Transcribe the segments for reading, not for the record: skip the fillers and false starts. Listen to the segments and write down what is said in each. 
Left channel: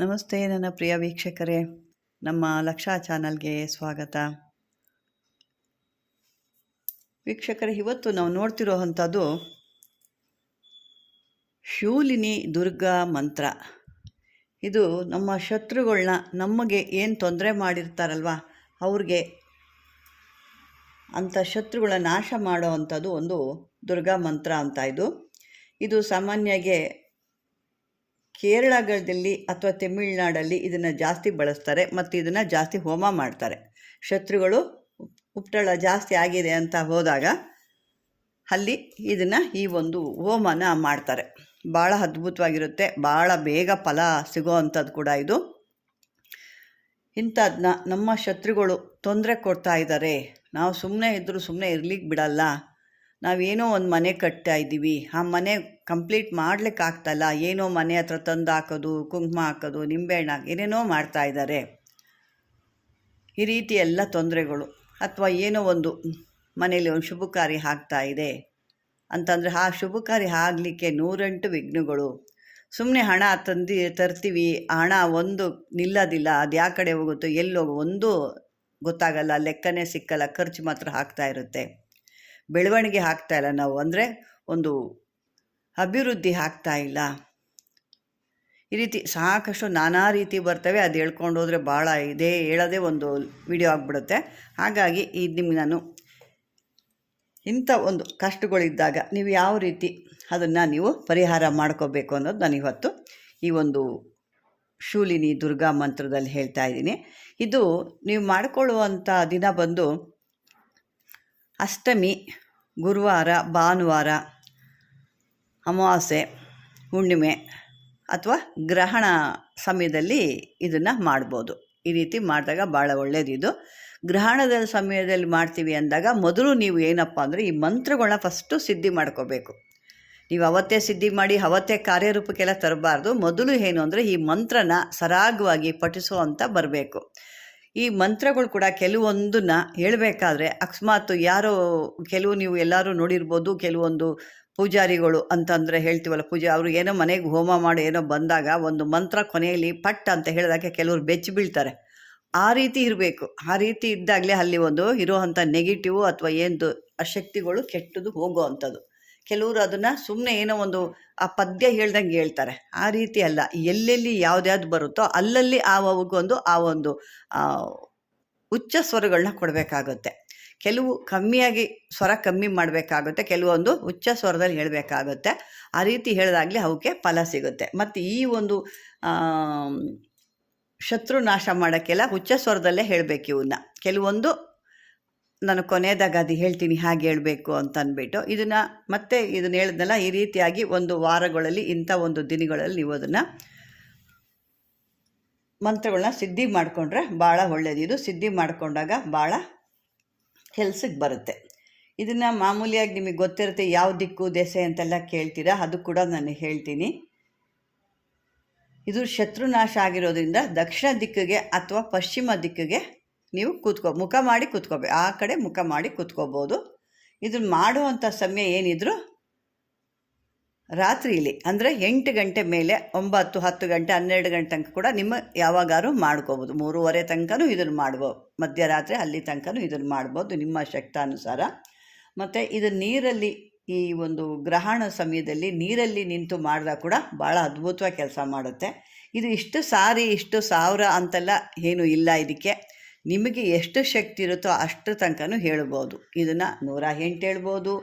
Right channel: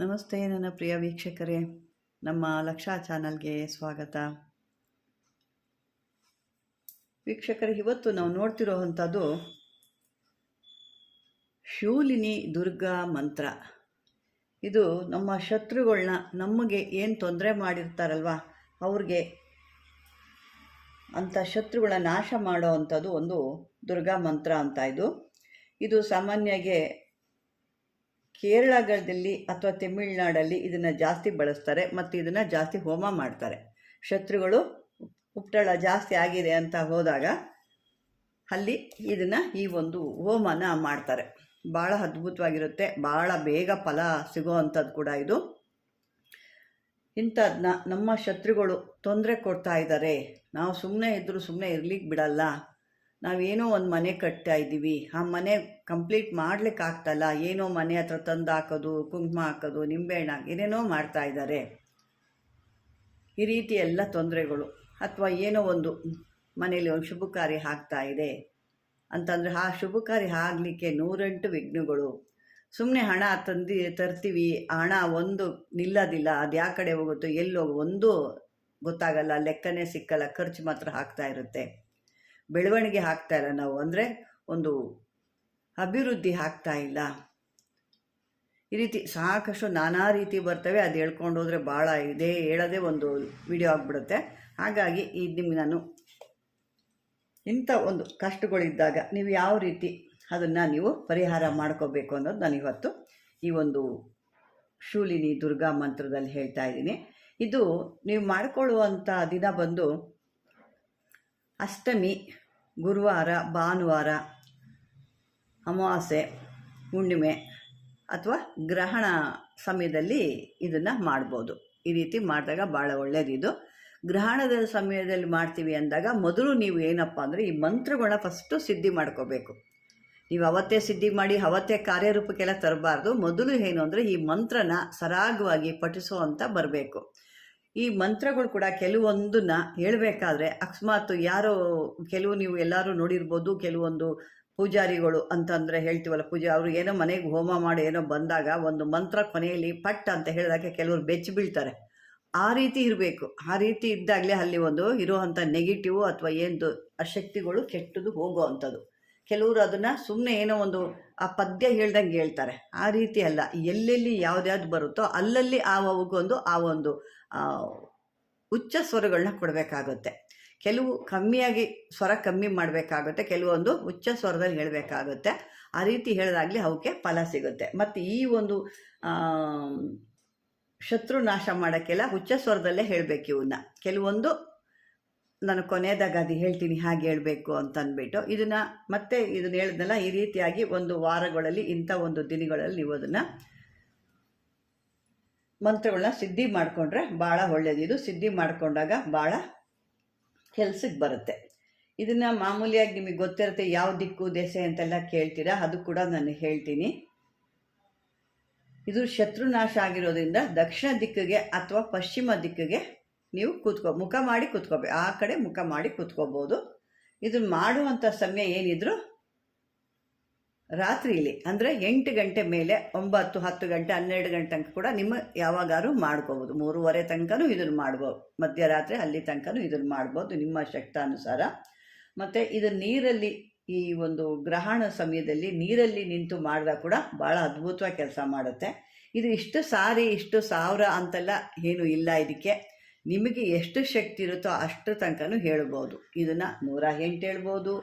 ನಮಸ್ತೆ ನನ್ನ ಪ್ರಿಯ ವೀಕ್ಷಕರೇ, ನಮ್ಮ ಲಕ್ಷಾ ಚಾನಲ್ಗೆ ಸ್ವಾಗತ. ವೀಕ್ಷಕರೇ, ಇವತ್ತು ನಾವು ನೋಡ್ತಿರೋ ಅಂಥದ್ದು ಶೂಲಿನಿ ದುರ್ಗಾ ಮಂತ್ರ. ಇದು ನಮ್ಮ ಶತ್ರುಗಳನ್ನ, ನಮಗೆ ಏನು ತೊಂದರೆ ಮಾಡಿರ್ತಾರಲ್ವ ಅವ್ರಿಗೆ, ಅಂಥ ಶತ್ರುಗಳನ್ನ ನಾಶ ಮಾಡೋ ಅಂಥದ್ದು ಒಂದು ದುರ್ಗಾ ಮಂತ್ರ ಅಂತ. ಇದು ಸಾಮಾನ್ಯವಾಗಿ ಕೇರಳಗಳಲ್ಲಿ ಅಥವಾ ತಮಿಳುನಾಡಲ್ಲಿ ಇದನ್ನು ಜಾಸ್ತಿ ಬಳಸ್ತಾರೆ ಮತ್ತು ಇದನ್ನು ಜಾಸ್ತಿ ಹೋಮ ಮಾಡ್ತಾರೆ. ಶತ್ರುಗಳು ಉಪಟಳ ಜಾಸ್ತಿ ಆಗಿದೆ ಅಂತ ಹೋದಾಗ ಅಲ್ಲಿ ಇದನ್ನು ಈ ಒಂದು ಹೋಮನ ಮಾಡ್ತಾರೆ. ಭಾಳ ಅದ್ಭುತವಾಗಿರುತ್ತೆ, ಭಾಳ ಬೇಗ ಫಲ ಸಿಗೋ ಅಂಥದ್ದು ಕೂಡ ಇದು. ಇಂಥದನ್ನ ನಮ್ಮ ಶತ್ರುಗಳು ತೊಂದರೆ ಕೊಡ್ತಾ ಇದ್ದಾರೆ, ನಾವು ಸುಮ್ಮನೆ ಇದ್ದರೂ ಸುಮ್ಮನೆ ಇರ್ಲಿಕ್ಕೆ ಬಿಡಲ್ಲ, ನಾವೇನೋ ಒಂದು ಮನೆ ಕಟ್ತಾ ಇದ್ದೀವಿ, ಆ ಮನೆ ಕಂಪ್ಲೀಟ್ ಮಾಡ್ಲಿಕ್ಕೆ ಆಗ್ತಾಯಿಲ್ಲ, ಏನೋ ಮನೆ ಹತ್ರ ತಂದು ಹಾಕೋದು, ಕುಂಕುಮ ಹಾಕೋದು, ನಿಂಬೆಹಣ್ಣು ಏನೇನೋ ಮಾಡ್ತಾ ಇದ್ದಾರೆ, ಈ ರೀತಿ ಎಲ್ಲ ತೊಂದರೆಗಳು. ಅಥವಾ ಏನೋ ಒಂದು ಮನೇಲಿ ಒಂದು ಶುಭ ಕಾರ್ಯ ಆಗ್ತಾ ಇದೆ ಅಂತಂದರೆ ಆ ಶುಭ ಕಾರ್ಯ ಆಗಲಿಕ್ಕೆ 108 ವಿಘ್ನಗಳು. ಸುಮ್ಮನೆ ಹಣ ತರ್ತೀವಿ, ಹಣ ಒಂದು ನಿಲ್ಲೋದಿಲ್ಲ, ಅದು ಯಾವ ಕಡೆ ಹೋಗುತ್ತೋ ಎಲ್ಲೋ ಒಂದು ಗೊತ್ತಾಗಲ್ಲ, ಲೆಕ್ಕನೇ ಸಿಕ್ಕಲ್ಲ, ಖರ್ಚು ಮಾತ್ರ ಆಗ್ತಾ ಇರುತ್ತೆ, ಬೆಳವಣಿಗೆ ಆಗ್ತಾ ಇಲ್ಲ, ನಾವು ಅಂದರೆ ಒಂದು ಅಭಿವೃದ್ಧಿ ಆಗ್ತಾ ಇಲ್ಲ. ಈ ರೀತಿ ಸಾಕಷ್ಟು ನಾನಾ ರೀತಿ ಬರ್ತವೆ. ಅದು ಹೇಳ್ಕೊಂಡು ಹೋದರೆ ಭಾಳ ಇದೆ, ಹೇಳೋದೇ ಒಂದು ವಿಡಿಯೋ ಆಗಿಬಿಡುತ್ತೆ. ಹಾಗಾಗಿ ನಿಮಗೆ ನಾನು ಇಂಥ ಒಂದು ಕಷ್ಟಗಳಿದ್ದಾಗ ನೀವು ಯಾವ ರೀತಿ ಅದನ್ನು ನೀವು ಪರಿಹಾರ ಮಾಡ್ಕೋಬೇಕು ಅನ್ನೋದು ನಾನು ಇವತ್ತು ಈ ಒಂದು ಶೂಲಿನಿ ದುರ್ಗಾ ಮಂತ್ರದಲ್ಲಿ ಹೇಳ್ತಾ ಇದ್ದೀನಿ. ಇದು ನೀವು ಮಾಡಿಕೊಳ್ಳುವಂಥ ದಿನ ಬಂದು ಅಷ್ಟಮಿ, ಗುರುವಾರ, ಭಾನುವಾರ, ಅಮಾವಾಸ್ಯೆ, ಹುಣ್ಣಿಮೆ ಅಥವಾ ಗ್ರಹಣ ಸಮಯದಲ್ಲಿ ಇದನ್ನು ಮಾಡ್ಬೋದು. ಈ ರೀತಿ ಮಾಡಿದಾಗ ಭಾಳ ಒಳ್ಳೆಯದಿದು. ಗ್ರಹಣದ ಸಮಯದಲ್ಲಿ ಮಾಡ್ತೀವಿ ಅಂದಾಗ ಮೊದಲು ನೀವು ಏನಪ್ಪ ಅಂದರೆ ಈ ಮಂತ್ರಗಳನ್ನ ಫಸ್ಟು ಸಿದ್ಧಿ ಮಾಡ್ಕೋಬೇಕು. ನೀವು ಅವತ್ತೇ ಸಿದ್ಧಿ ಮಾಡಿ ಅವತ್ತೇ ಕಾರ್ಯರೂಪಕ್ಕೆಲ್ಲ ತರಬಾರ್ದು. ಮೊದಲು ಏನು ಅಂದರೆ ಈ ಮಂತ್ರನ ಸರಾಗವಾಗಿ ಪಠಿಸೋ ಅಂತ ಬರಬೇಕು. ಈ ಮಂತ್ರಗಳು ಕೂಡ ಕೆಲವೊಂದನ್ನು ಹೇಳಬೇಕಾದ್ರೆ ಅಕಸ್ಮಾತ್ ಕೆಲವು ನೀವು ಎಲ್ಲರೂ ನೋಡಿರ್ಬೋದು, ಕೆಲವೊಂದು ಪೂಜಾರಿಗಳು ಅಂತಂದರೆ ಹೇಳ್ತೀವಲ್ಲ, ಅವರು ಏನೋ ಮನೆಗೆ ಹೋಮ ಮಾಡಿ ಏನೋ ಬಂದಾಗ ಒಂದು ಮಂತ್ರ ಕೊನೆಯಲ್ಲಿ ಪಟ್ ಅಂತ ಹೇಳಿದಾಗ ಕೆಲವರು ಬೆಚ್ಚಿ ಬೀಳ್ತಾರೆ. ಆ ರೀತಿ ಇರಬೇಕು. ಆ ರೀತಿ ಇದ್ದಾಗಲೇ ಅಲ್ಲಿ ಒಂದು ಇರೋವಂಥ ನೆಗೆಟಿವ್ ಅಥವಾ ಏನು ಅಶಕ್ತಿಗಳು ಕೆಟ್ಟದು ಹೋಗೋ ಅಂಥದ್ದು. ಕೆಲವರು ಅದನ್ನು ಸುಮ್ಮನೆ ಏನೋ ಒಂದು ಆ ಪದ್ಯ ಹೇಳ್ದಂಗೆ ಹೇಳ್ತಾರೆ. ಆ ರೀತಿ ಅಲ್ಲ, ಎಲ್ಲೆಲ್ಲಿ ಯಾವ್ದ್ಯಾವ್ದು ಬರುತ್ತೋ ಅಲ್ಲಲ್ಲಿ ಆ ಒಂದು ಉಚ್ಚ ಸ್ವರಗಳನ್ನ ಕೊಡಬೇಕಾಗುತ್ತೆ. ಕೆಲವು ಕಮ್ಮಿಯಾಗಿ ಸ್ವರ ಕಮ್ಮಿ ಮಾಡಬೇಕಾಗುತ್ತೆ, ಕೆಲವೊಂದು ಉಚ್ಚ ಸ್ವರದಲ್ಲಿ ಹೇಳಬೇಕಾಗುತ್ತೆ. ಆ ರೀತಿ ಹೇಳಿದಾಗಲೇ ಅವಕ್ಕೆ ಫಲ ಸಿಗುತ್ತೆ. ಮತ್ತು ಈ ಒಂದು ಶತ್ರು ನಾಶ ಮಾಡೋಕ್ಕೆಲ್ಲ ಉಚ್ಚ ಸ್ವರದಲ್ಲೇ ಹೇಳಬೇಕು ಇವನ್ನ. ಕೆಲವೊಂದು ನಾನು ಕೊನೆಯದಾಗ ಅದು ಹೇಳ್ತೀನಿ ಹಾಗೆ ಹೇಳಬೇಕು ಅಂತ ಅಂದ್ಬಿಟ್ಟು ಇದನ್ನು ಹೇಳಿದ್ನಲ್ಲ, ಈ ರೀತಿಯಾಗಿ ಒಂದು ವಾರಗಳಲ್ಲಿ ಇಂಥ ಒಂದು ದಿನಗಳಲ್ಲಿ ನೀವು ಅದನ್ನು ಮಂತ್ರಗಳನ್ನ ಸಿದ್ಧಿ ಮಾಡಿಕೊಂಡ್ರೆ ಭಾಳ ಒಳ್ಳೆಯದು. ಇದು ಸಿದ್ಧಿ ಮಾಡಿಕೊಂಡಾಗ ಭಾಳ ಕೆಲ್ಸಕ್ಕೆ ಬರುತ್ತೆ. ಇದನ್ನು ಮಾಮೂಲಿಯಾಗಿ ನಿಮಗೆ ಗೊತ್ತಿರುತ್ತೆ, ಯಾವ ದಿಕ್ಕು ದೆಸೆ ಅಂತೆಲ್ಲ ಕೇಳ್ತೀರಾ, ಅದು ಕೂಡ ನಾನು ಹೇಳ್ತೀನಿ. ಇದು ಶತ್ರುನಾಶ ಆಗಿರೋದ್ರಿಂದ ದಕ್ಷಿಣ ದಿಕ್ಕಿಗೆ ಅಥವಾ ಪಶ್ಚಿಮ ದಿಕ್ಕಿಗೆ ನೀವು ಮುಖ ಮಾಡಿ ಕೂತ್ಕೋಬೇಕು. ಆ ಕಡೆ ಮುಖ ಮಾಡಿ ಕೂತ್ಕೋಬೋದು. ಇದನ್ನು ಮಾಡುವಂಥ ಸಮಯ ಏನಿದ್ರು ರಾತ್ರಿಯಲ್ಲಿ, ಅಂದರೆ 8 ಗಂಟೆ ಮೇಲೆ, 9, 10 ಗಂಟೆ, 12 ಗಂಟೆ ತನಕ ಕೂಡ ನಿಮ್ಮ ಯಾವಾಗಾದ್ರೂ ಮಾಡ್ಕೋಬೋದು. 3:30 ತನಕನೂ ಇದನ್ನು ಮಾಡ್ಬೋದು, ಮಧ್ಯರಾತ್ರಿ ಅಲ್ಲಿ ತನಕನೂ ಇದನ್ನು ಮಾಡ್ಬೋದು ನಿಮ್ಮ ಶಕ್ತಾನುಸಾರ. ಮತ್ತು ಇದು ನೀರಲ್ಲಿ, ಈ ಒಂದು ಗ್ರಹಣ ಸಮಯದಲ್ಲಿ ನೀರಲ್ಲಿ ನಿಂತು ಮಾಡಿದಾಗ ಕೂಡ ಭಾಳ ಅದ್ಭುತವಾಗಿ ಕೆಲಸ ಮಾಡುತ್ತೆ. ಇದು ಇಷ್ಟು ಸಾರಿ, ಇಷ್ಟು ಸಾವಿರ ಅಂತೆಲ್ಲ ಏನೂ ಇಲ್ಲ. ಇದಕ್ಕೆ ನಿಮಗೆ ಎಷ್ಟು ಶಕ್ತಿ ಇರುತ್ತೋ ಅಷ್ಟು ತನಕನೂ ಹೇಳ್ಬೋದು. ಇದನ್ನು 108 ಹೇಳ್ಬೋದು,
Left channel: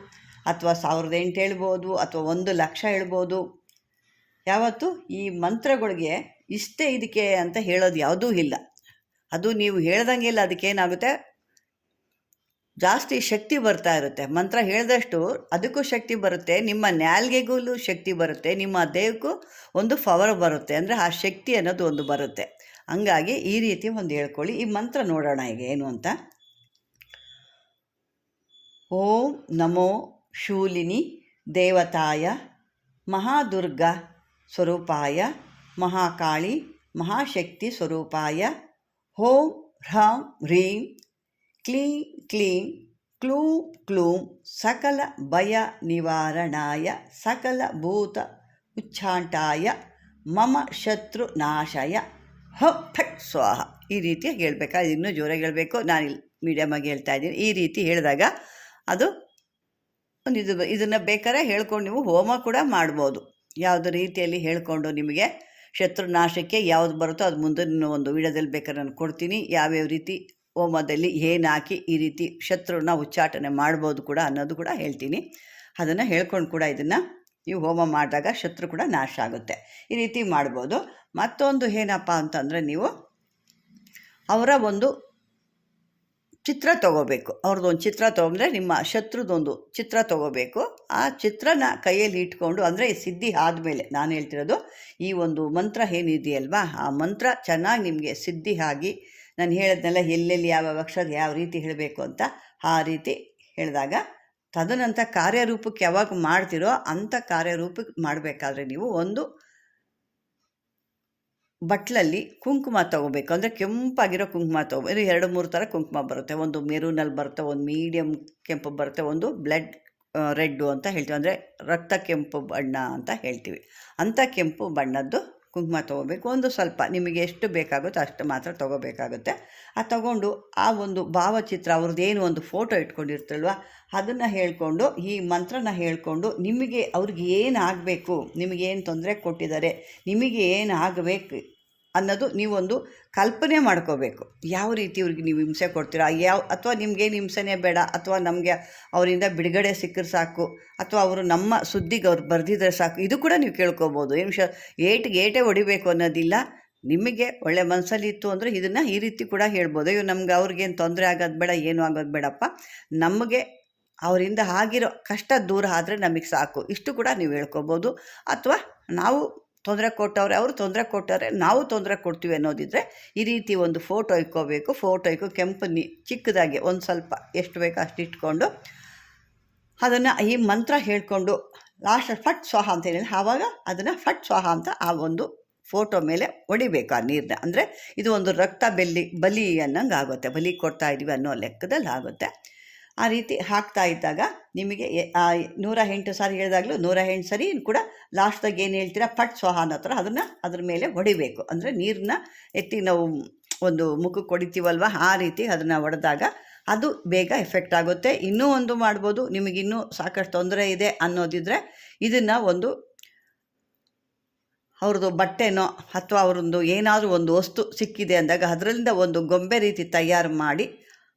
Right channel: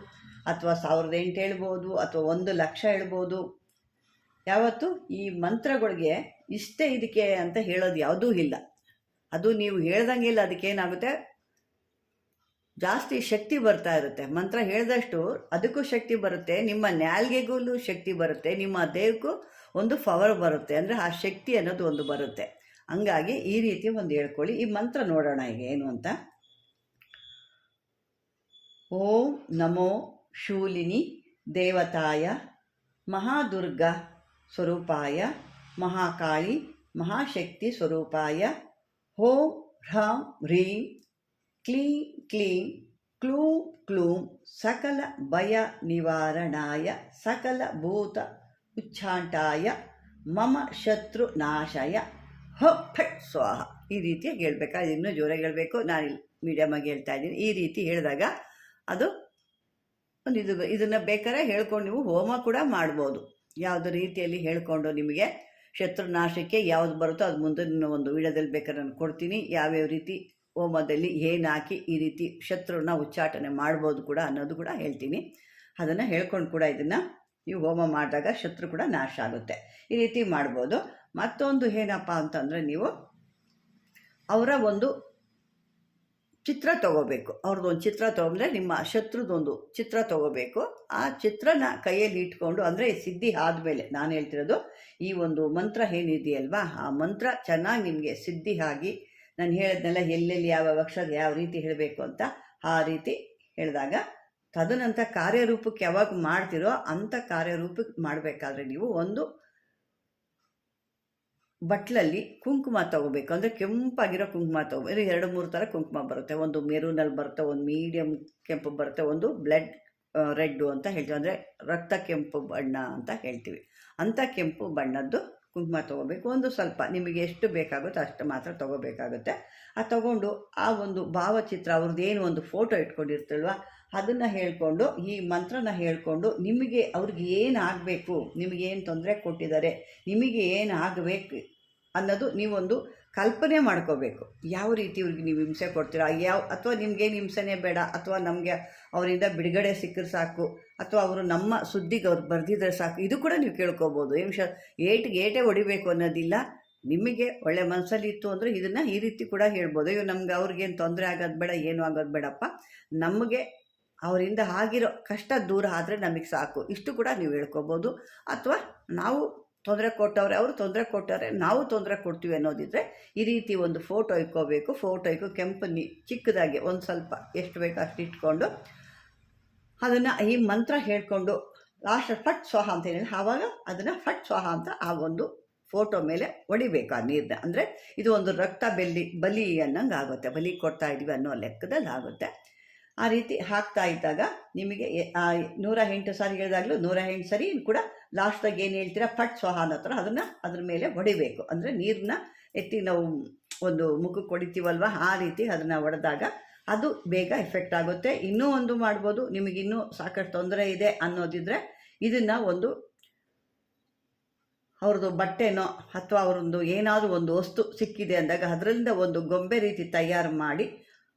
ಅಥವಾ 1008 ಹೇಳ್ಬೋದು, ಅಥವಾ 1,00,000 ಹೇಳ್ಬೋದು. ಯಾವತ್ತು ಈ ಮಂತ್ರಗಳಿಗೆ ಇಷ್ಟೇ ಇದಕ್ಕೆ ಅಂತ ಹೇಳೋದು ಯಾವುದೂ ಇಲ್ಲ. ಅದು ನೀವು ಹೇಳ್ದಂಗಿಲ್ಲ, ಅದಕ್ಕೇನಾಗುತ್ತೆ, ಜಾಸ್ತಿ ಶಕ್ತಿ ಬರ್ತಾ ಇರುತ್ತೆ. ಮಂತ್ರ ಹೇಳಿದಷ್ಟು ಅದಕ್ಕೂ ಶಕ್ತಿ ಬರುತ್ತೆ, ನಿಮ್ಮ ನಾಲ್ಗೆಗೂ ಶಕ್ತಿ ಬರುತ್ತೆ, ನಿಮ್ಮ ದೇಹಕ್ಕೂ ಒಂದು ಪವರ್ ಬರುತ್ತೆ. ಅಂದರೆ ಆ ಶಕ್ತಿ ಅನ್ನೋದು ಒಂದು ಬರುತ್ತೆ. ಹಂಗಾಗಿ ಈ ರೀತಿ ಒಂದು ಹೇಳ್ಕೊಳ್ಳಿ. ಈ ಮಂತ್ರ ನೋಡೋಣ ಈಗ ಏನು ಅಂತ. ಓಂ ನಮೋ ಶೂಲಿನಿ ದೇವತಾಯ ಮಹಾದುರ್ಗಾ ಸ್ವರೂಪಾಯ ಮಹಾಕಾಳಿ ಮಹಾಶಕ್ತಿ ಸ್ವರೂಪಾಯ ಓಂ ಹ್ರಾಂ ಹ್ರೀಂ ಕ್ಲೀಂ ಕ್ಲೀಂ ಕ್ಲೂಂ ಕ್ಲೂಂ ಸಕಲ ಭಯ ನಿವಾರಣಾಯ ಸಕಲ ಭೂತ ಉಚ್ಚಾಂಟಾಯ ಮಮ ಶತ್ರು ನಾಶಯ ಹ ಫಟ್ ಸ್ವಾಹ. ಈ ರೀತಿ ಹೇಳಬೇಕಾದ್ರೆ ಇನ್ನೂ ಜೋರಾಗಿ ಹೇಳಬೇಕು, ನಾನು ಇಲ್ಲಿ ಮೀಡಿಯಮಾಗಿ ಹೇಳ್ತಾ ಇದ್ದೀನಿ. ಈ ರೀತಿ ಹೇಳಿದಾಗ ಅದು ಒಂದು ಇದನ್ನು ಬೇಕಾದ್ರೆ ಹೇಳ್ಕೊಂಡು ನೀವು ಹೋಮ ಕೂಡ ಮಾಡ್ಬೋದು. ಯಾವುದೇ ರೀತಿಯಲ್ಲಿ ಹೇಳ್ಕೊಂಡು ನಿಮಗೆ ಶತ್ರುನಾಶಕ್ಕೆ ಯಾವುದು ಬರುತ್ತೋ ಅದು ಮುಂದಿನ ಒಂದು ವಿಡಿಯೋದಲ್ಲಿ ಬೇಕಾದ್ರೆ ನಾನು ಕೊಡ್ತೀನಿ. ಯಾವ್ಯಾವ ರೀತಿ ಹೋಮದಲ್ಲಿ ಏನು ಹಾಕಿ ಈ ರೀತಿ ಶತ್ರುನ ಉಚ್ಚಾಟನೆ ಮಾಡ್ಬೋದು ಕೂಡ ಅನ್ನೋದು ಕೂಡ ಹೇಳ್ತೀನಿ. ಅದನ್ನು ಹೇಳ್ಕೊಂಡು ಕೂಡ ಇದನ್ನು ನೀವು ಹೋಮ ಮಾಡಿದಾಗ ಶತ್ರು ಕೂಡ ನಾಶ ಆಗುತ್ತೆ. ಈ ರೀತಿ ಮಾಡ್ಬೋದು. ಮತ್ತೊಂದು ಏನಪ್ಪ ಅಂತಂದರೆ, ನೀವು ಅವರ ಒಂದು ಚಿತ್ರ ತೊಗೋಬೇಕು. ಅವ್ರದ್ದೊಂದು ಚಿತ್ರ ತೊಗೊಂಡ್ರೆ ನಿಮ್ಮ ಶತ್ರುದೊಂದು ಚಿತ್ರ ತೊಗೋಬೇಕು. ಆ ಚಿತ್ರನ ಕೈಯಲ್ಲಿ ಇಟ್ಕೊಂಡು, ಅಂದರೆ ಸಿದ್ಧಿ ಆದಮೇಲೆ ನಾನು ಹೇಳ್ತಿರೋದು, ಈ ಒಂದು ಮಂತ್ರ ಏನಿದೆಯಲ್ವಾ, ಆ ಮಂತ್ರ ಚೆನ್ನಾಗಿ ನಿಮಗೆ ಸಿದ್ಧಿ ಆಗಿ, ನಾನು ಹೇಳಿದ್ನೆಲ್ಲ ಎಲ್ಲೆಲ್ಲಿ ಯಾವ ಅಕ್ಷರ ಯಾವ ರೀತಿ ಹೇಳಬೇಕು ಅಂತ ಆ ರೀತಿ ಹೇಳಿದಾಗ, ತದನಂತರ ಕಾರ್ಯರೂಪಕ್ಕೆ ಯಾವಾಗ ಮಾಡ್ತಿರೋ ಅಂಥ ಕಾರ್ಯರೂಪಕ್ಕೆ ಮಾಡಬೇಕಾದ್ರೆ ನೀವು ಒಂದು ಬಟ್ಲಲ್ಲಿ ಕುಂಕುಮ ತೊಗೋಬೇಕು. ಅಂದರೆ ಕೆಂಪಾಗಿರೋ ಕುಂಕುಮ ತೊಗೋಬೇಕು. 2-3 ಥರ ಕುಂಕುಮ ಬರುತ್ತೆ. ಒಂದು ಮೆರೂನಲ್ಲಿ ಬರುತ್ತೆ, ಒಂದು ಮೀಡಿಯಮ್ ಕೆಂಪು ಬರುತ್ತೆ, ಒಂದು ಬ್ಲಡ್ ರೆಡ್ಡು ಅಂತ ಹೇಳ್ತೀವಿ, ಅಂದರೆ ರಕ್ತ ಕೆಂಪು ಬಣ್ಣ ಅಂತ ಹೇಳ್ತೀವಿ. ಅಂಥ ಕೆಂಪು ಬಣ್ಣದ್ದು ಕುಂಕುಮ ತೊಗೋಬೇಕು. ಒಂದು ಸ್ವಲ್ಪ ನಿಮಗೆ ಎಷ್ಟು ಬೇಕಾಗುತ್ತೋ ಅಷ್ಟು ಮಾತ್ರ ತೊಗೋಬೇಕಾಗುತ್ತೆ. ತೊಗೊಂಡು ಆ ಒಂದು ಭಾವಚಿತ್ರ ಅವ್ರದ್ದೇನು ಒಂದು ಫೋಟೋ ಇಟ್ಕೊಂಡಿರ್ತಲ್ವ, ಅದನ್ನು ಹೇಳ್ಕೊಂಡು ಈ ಮಂತ್ರನ ಹೇಳ್ಕೊಂಡು, ನಿಮಗೆ ಅವ್ರಿಗೆ ಏನು ಆಗಬೇಕು, ನಿಮಗೇನು ತೊಂದರೆ ಕೊಟ್ಟಿದ್ದಾರೆ, ನಿಮಗೆ ಏನು ಆಗಬೇಕು ಅನ್ನೋದು ನೀವೊಂದು ಕಲ್ಪನೆ ಮಾಡ್ಕೋಬೇಕು. ಯಾವ ರೀತಿ ಇವ್ರಿಗೆ ನೀವು ಹಿಂಸೆ ಕೊಡ್ತೀರಾ, ಅಥವಾ ನಿಮಗೇನು ಹಿಂಸೆನೇ ಬೇಡ, ಅಥವಾ ನಮಗೆ ಅವರಿಂದ ಬಿಡುಗಡೆ ಸಿಕ್ಕರೆ ಸಾಕು, ಅಥವಾ ಅವರು ನಮ್ಮ ಸುದ್ದಿಗೆ ಅವ್ರು ಬರೆದಿದ್ರೆ ಸಾಕು, ಇದು ಕೂಡ ನೀವು ಕೇಳ್ಕೊಬೋದು. ಏನು ಏಟೇ ಹೊಡಿಬೇಕು ಅನ್ನೋದಿಲ್ಲ. ನಿಮಗೆ ಒಳ್ಳೆ ಮನಸ್ಸಲ್ಲಿ ಇತ್ತು ಅಂದರೆ ಇದನ್ನು ಈ ರೀತಿ ಕೂಡ ಹೇಳ್ಬೋದು. ಅಯ್ಯೋ ನಮ್ಗೆ ಅವ್ರಿಗೇನು ತೊಂದರೆ ಆಗೋದು ಬೇಡ, ಏನು ಆಗೋದು ಬೇಡಪ್ಪ, ನಮಗೆ ಅವರಿಂದ ಆಗಿರೋ ಕಷ್ಟ ದೂರ ಆದರೆ ನಮಗೆ ಸಾಕು, ಇಷ್ಟು ಕೂಡ ನೀವು ಹೇಳ್ಕೊಬೋದು. ಅಥವಾ ನಾವು ತೊಂದರೆ ಕೊಟ್ಟವ್ರೆ, ಅವರು ತೊಂದರೆ ಕೊಟ್ಟವ್ರೆ, ನಾವು ತೊಂದರೆ ಕೊಡ್ತೀವಿ ಅನ್ನೋದಿದ್ರೆ ಈ ರೀತಿ ಒಂದು ಫೋಟೋ ಇಕ್ಕೋಬೇಕು. ಫೋಟೋ ಕೆಂಪು ಚಿಕ್ಕದಾಗಿ ಒಂದು ಸ್ವಲ್ಪ ಎಷ್ಟು ಬೇಕೋ ಅಷ್ಟು ಇಟ್ಕೊಂಡು ಅದನ್ನು ಈ ಮಂತ್ರ ಹೇಳ್ಕೊಂಡು ಲಾಸ್ಟ್ ಫಟ್ ಸ್ವಾಹ ಅಂತ ಹೇಳಿ, ಆವಾಗ ಅದನ್ನು ಫಟ್ ಸ್ವಾಹ ಅಂತ ಆ ಒಂದು ಫೋಟೋ ಮೇಲೆ ಹೊಡಿಬೇಕು ಆ ನೀರನ್ನ. ಅಂದರೆ ಇದು ಒಂದು ರಕ್ತ ಬಲಿ ಅನ್ನಂಗೆ ಆಗುತ್ತೆ, ಬಲಿ ಕೊಡ್ತಾ ಇದ್ದೀವಿ ಅನ್ನೋ ಲೆಕ್ಕದಲ್ಲಿ ಆಗುತ್ತೆ. ಆ ರೀತಿ ಹಾಕ್ತಾ ಇದ್ದಾಗ ನಿಮಗೆ 108 ಸಾರಿ ಹೇಳಿದಾಗಲೂ 108 ಸರಿ ಕೂಡ ಲಾಸ್ಟ್ದಾಗ ಏನು ಹೇಳ್ತೀರಾ ಫಟ್ ಸ್ವಾಹ ಅನ್ನೋ ಥರ ಅದನ್ನು ಅದ್ರ ಮೇಲೆ ಹೊಡಿಬೇಕು. ಅಂದರೆ ನೀರನ್ನ ಎತ್ತಿ ನಾವು ಒಂದು ಮುಖಕ್ಕೆ ಹೊಡಿತೀವಲ್ವ, ಆ ರೀತಿ ಅದನ್ನು ಹೊಡೆದಾಗ ಅದು ಬೇಗ ಎಫೆಕ್ಟ್ ಆಗುತ್ತೆ. ಇನ್ನೂ ಒಂದು ಮಾಡ್ಬೋದು, ನಿಮಗಿನ್ನೂ ಸಾಕಷ್ಟು ತೊಂದರೆ ಇದೆ ಅನ್ನೋದಿದ್ರೆ ಇದನ್ನು ಒಂದು ಅವ್ರದ್ದು ಬಟ್ಟೆನೋ ಅಥವಾ ಅವ್ರದ್ದು ಏನಾದರೂ ಒಂದು ವಸ್ತು ಸಿಕ್ಕಿದೆ ಅಂದಾಗ ಅದರಿಂದ ಒಂದು ಗೊಂಬೆ ರೀತಿ ತಯಾರು ಮಾಡಿ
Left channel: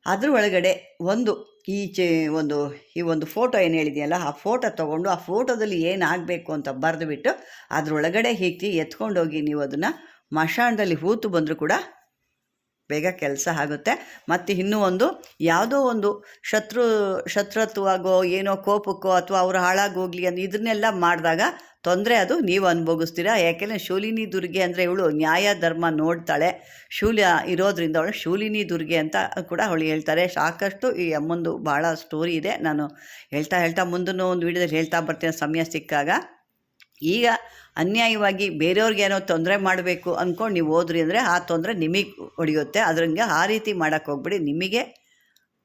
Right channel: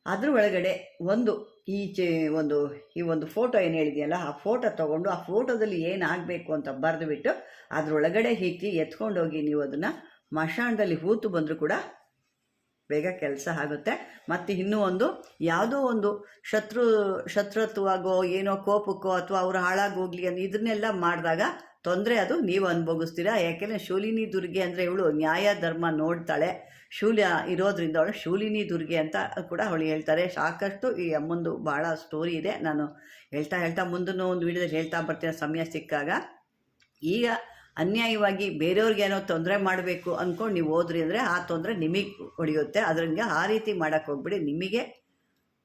ಅದ್ರ ಒಳಗಡೆ ಈ ಒಂದು ಫೋಟೋ ಏನು ಹೇಳಿದೆಯಲ್ಲ, ಆ ಫೋಟೋ ತೊಗೊಂಡು ಆ ಫೋಟೋದಲ್ಲಿ ಏನಾಗಬೇಕು ಅಂತ ಬರೆದುಬಿಟ್ಟು ಅದರೊಳಗಡೆ ಹೀಗೆ ಎತ್ಕೊಂಡೋಗಿ ನೀವು ಅದನ್ನು ಮಶಾಣದಲ್ಲಿ ಹೂತು ಬಂದರೂ ಕೂಡ ಬೇಗ ಕೆಲಸ ಆಗುತ್ತೆ. ಮತ್ತು ಇನ್ನೂ ಒಂದು ಯಾವುದೋ ಒಂದು ಶತ್ರುತ್ವಗೋ ಏನೋ ಕೋಪಕ್ಕೋ ಅಥವಾ ಅವರು ಹಾಳಾಗೋಗ್ಲಿ ಅಂತ ಇದನ್ನೆಲ್ಲ ಮಾಡಿದಾಗ ತೊಂದರೆ ಅದು ನೀವು ಅನುಭವಿಸ್ತೀರಾ. ಯಾಕೆಂದರೆ ಶೂಲಿನಿ ದುರ್ಗೆ ಅಂದರೆ ಇವಳು ನ್ಯಾಯ ಧರ್ಮ ನೋಡ್ತಾಳೆ, ಶೂಲ್ಯ ಇರೋದ್ರಿಂದ ಅವಳು ಶೂಲಿನಿ ದುರ್ಗೆ ಅಂತ ಕೂಡ ಅವಳು ಹೇಳ್ತಾರೆ. ಸಾಕಷ್ಟು ಈ ಅಮ್ಮಂದು ಭಾಳ ಸ್ಟೋರಿ ಇದೆ, ನಾನು ಹೇಳ್ತಾ ಮುಂದೂ ಒಂದು ವಿಡಿಯೋದಲ್ಲಿ ಹೇಳ್ತಾ ಬರ್ತೀನಿ ಸಮಯ ಸಿಕ್ಕಾಗ. ಈಗ ಅನ್ಯಾಯವಾಗಿ ಬೇರೆಯವ್ರಿಗೆ ಏನೋ ತೊಂದರೆ ಮಾಡಬೇಕು ಅಂದ್ಕೊಂಡು ನೀವು ಹೋದ್ರಿ ಅಂದರೆ ಆ ತೊಂದರೆ ನಿಮಗೆ ಹೊಡೆಯುತ್ತೆ. ಅದ್ರಂಗೆ ಆ ರೀತಿ ಮಾಡೋಕ್ಕೆ ಹೋಗ್ಬಿಡಿ. ನಿಮಗೆ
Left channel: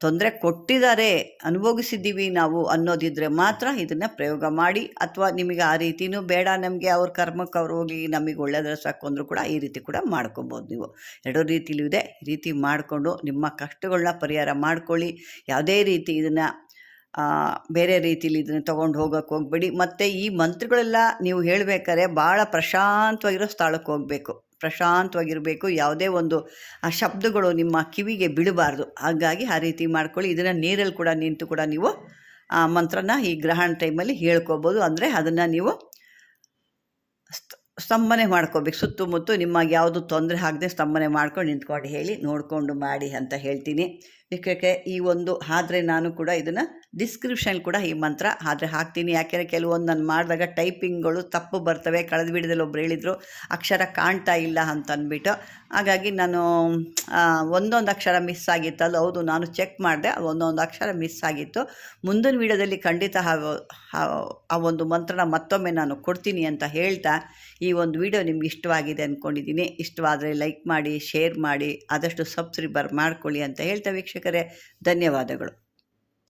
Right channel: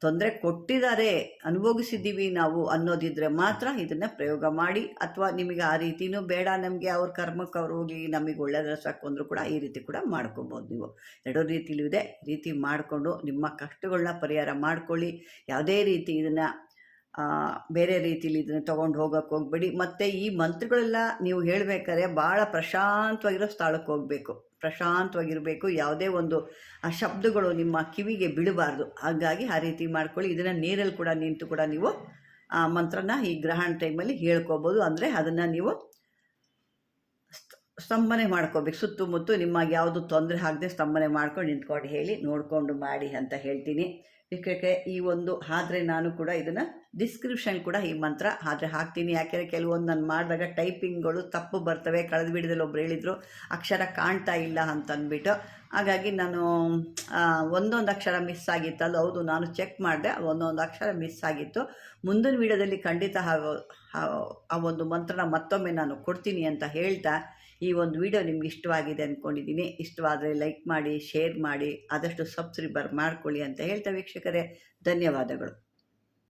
ತೊಂದರೆ ಕೊಟ್ಟಿದ್ದಾರೆ, ಅನುಭವಿಸಿದ್ದೀವಿ ನಾವು ಅನ್ನೋದಿದ್ರೆ ಮಾತ್ರ ಇದನ್ನು ಪ್ರಯೋಗ ಮಾಡಿ. ಅಥವಾ ನಿಮಗೆ ಆ ರೀತಿಯೂ ಬೇಡ, ನಮಗೆ ಅವ್ರ ಕರ್ಮಕ್ಕೆ ಅವ್ರು ಹೋಗಿ ನಮಗೆ ಒಳ್ಳೆಯದ್ರ ಸಾಕು ಅಂದರೂ ಕೂಡ ಈ ರೀತಿ ಕೂಡ ಮಾಡ್ಕೊಬೋದು. ನೀವು ಎರಡೂ ರೀತಿಲೂ ಇದೆ. ಈ ರೀತಿ ಮಾಡಿಕೊಂಡು ನಿಮ್ಮ ಕಷ್ಟಗಳನ್ನ ಪರಿಹಾರ ಮಾಡ್ಕೊಳ್ಳಿ. ಯಾವುದೇ ರೀತಿ ಇದನ್ನು ಬೇರೆ ರೀತಿಲಿ ಇದನ್ನು ತೊಗೊಂಡು ಹೋಗೋಕ್ಕೆ ಹೋಗಬೇಡಿ. ಮತ್ತು ಈ ಮಂತ್ರಗಳೆಲ್ಲ ನೀವು ಹೇಳಬೇಕಾದ್ರೆ ಭಾಳ ಪ್ರಶಾಂತವಾಗಿರೋ ಸ್ಥಳಕ್ಕೆ ಹೋಗಬೇಕು, ಪ್ರಶಾಂತವಾಗಿರಬೇಕು. ಯಾವುದೇ ಒಂದು ಆ ಶಬ್ದಗಳು ನಿಮ್ಮ ಕಿವಿಗೆ ಬೀಳಬಾರ್ದು. ಹಾಗಾಗಿ ಆ ರೀತಿ ಮಾಡ್ಕೊಳ್ಳಿ. ಇದನ್ನು ನೀರಲ್ಲಿ ಕೂಡ ನಿಂತು ಕೂಡ ನೀವು ಆ ಮಂತ್ರನ ಈ ಗ್ರಹಣ ಟೈಮಲ್ಲಿ ಹೇಳ್ಕೊಬೋದು. ಅಂದರೆ ಅದನ್ನು ನೀವು ಸ್ತಂಭನೆ ಮಾಡ್ಕೋಬೇಕು. ಸುತ್ತಮುತ್ತ ನಿಮಗೆ ಯಾವುದು ತೊಂದರೆ ಆಗದೆ ಸ್ತಂಭನೆ ಮಾಡ್ಕೊಂಡು ನಿಂತ್ಕೊಂಡು ಹೇಳಿ ನೋಡಿಕೊಂಡು ಮಾಡಿ ಅಂತ ಹೇಳ್ತೀನಿ. ಏಕೆ ಈ ಒಂದು ಆದರೆ ನಾನು ಕೂಡ ಇದನ್ನು ಡಿಸ್ಕ್ರಿಪ್ಷನ್ ಕೂಡ ಈ ಮಂತ್ರ ಆದರೆ ಹಾಕ್ತೀನಿ. ಯಾಕೆಂದರೆ ಕೆಲವೊಂದು ನಾನು ಮಾಡಿದಾಗ ಟೈಪಿಂಗ್ಗಳು ತಪ್ಪು ಬರ್ತವೆ. ಕಳೆದ ವಿಡಿಯೋದಲ್ಲಿ ಒಬ್ರು ಹೇಳಿದರು ಅಕ್ಷರ ಕಾಣ್ತಾ ಇಲ್ಲ ಅಂತ ಅಂದ್ಬಿಟ್ಟು. ಹಾಗಾಗಿ ನಾನು ಒಂದೊಂದು ಅಕ್ಷರ ಮಿಸ್ ಆಗಿತ್ತಲ್ಲ, ಹೌದು ನಾನು ಚೆಕ್ ಮಾಡಿದೆ, ಒಂದೊಂದು ಅಕ್ಷರ ಮಿಸ್ ಆಗಿತ್ತು. ಮುಂದಿನ ವಿಡಿಯೋದಲ್ಲಿ ಖಂಡಿತ ಆ ಒಂದು ಮಂತ್ರನ ಮತ್ತೊಮ್ಮೆ ನಾನು ಕೊಡ್ತೀನಿ ಅಂತ ಹೇಳ್ತಾ ಈ ಒಂದು ವಿಡಿಯೋ ನಿಮ್ಗೆ ಇಷ್ಟವಾಗಿದೆ ಅಂದ್ಕೊಂಡಿದ್ದೀನಿ. ಇಷ್ಟವಾದರೆ ಲೈಕ್ ಮಾಡಿ, ಶೇರ್ ಮಾಡಿ, ಆದಷ್ಟು ಸಬ್ಸ್ಕ್ರೈಬರ್ ಮಾಡ್ಕೊಳ್ಳಿ ಅಂತ ಹೇಳ್ತಾ ವೀಕ್ಷಕರೇ ಧನ್ಯವಾದಗಳು.